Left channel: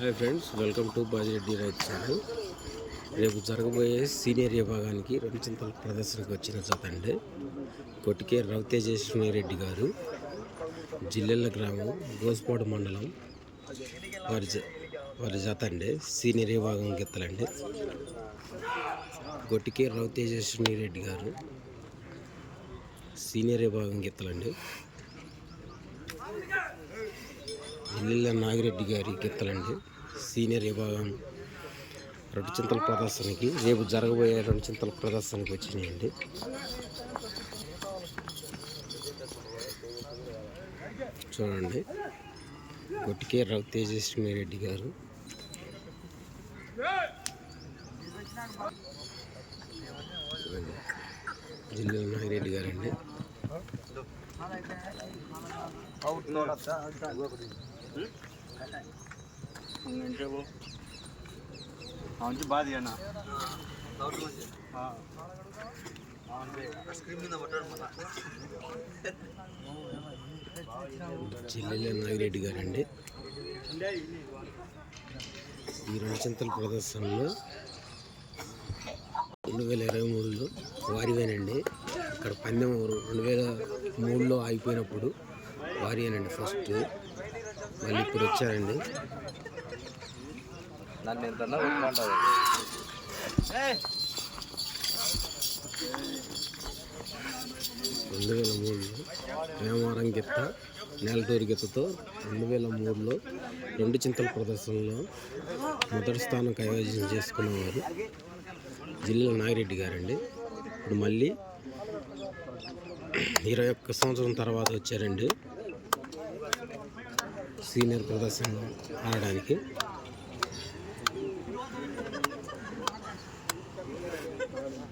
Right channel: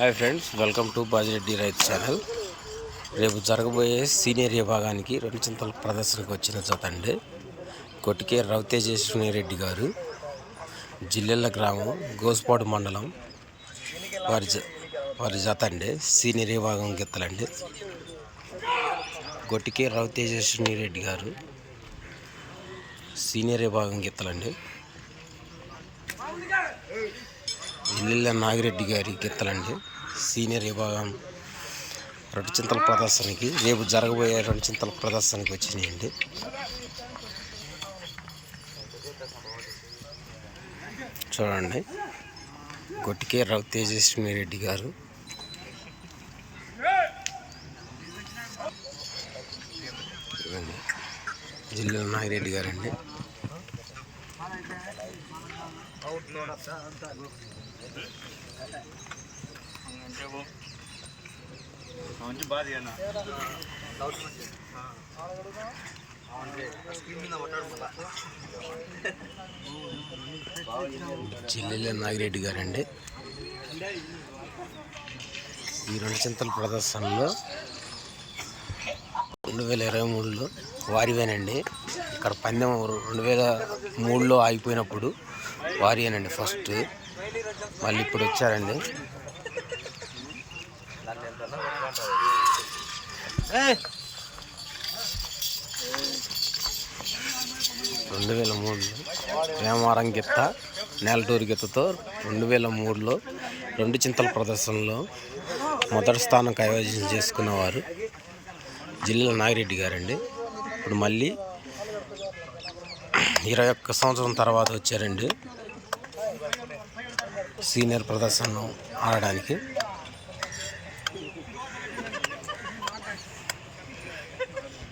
Hi friends, welcome to Bajireddy రైతు channel. రేపు జరగబోయే సీనియర్ విభాగానికి రెండు చింతల ప్రదర్శనకు వచ్చిన జత అండి. కొట్టికే రవితేజేశ్వరి రెడ్డి గారు, జిల్లెళ్ళ గ్రామం, గోస్పాడు మండలం వారి జత అండి. సీనియర్ విభాగం గిత్తలండి. కొట్టికే రవితేజేశ్వరి రెడ్డి గారు సీనియర్ విభాగం గిత్తలండి. జిల్లెళ్ళ నాగిరెడ్డి గారి గిత్తలండి. సీనియర్ విభాగం రెండు చింతల ప్రదర్శనకి రేపు జరగబోయే రెండు చింతల ప్రదర్శనకి వచ్చినాయండి. చూడండి, కొట్టికే రవితేజస్వి రెడ్డి గారు, జిల్లా నాగిరెడ్డి గారండి. జిల్లా నాగిరెడ్డి గారండి. ఈ రెండు చింతల ప్రదర్శనలో 2023లో వారివేనండి. ఇక్కడ పందెం 2003లో ఆగిపోయినప్పుడు వారియేనండి ఫస్ట్. మళ్ళీ ఇప్పుడు వచ్చారండి. 2003లో వేమవరం గిత్త, నేలటూరు గిత్తతో 2003లో రెండు చింతల ప్రదర్శనలో మొదటి స్థానం కైవసం చేసుకున్నవారు జిల్లా నాగిరెడ్డి గారండి. ఇప్పుడు మళ్ళీ 21 సంవత్సరం తర్వాత వచ్చారండి సీనియర్ ప్రదర్శన ఆడడానికి.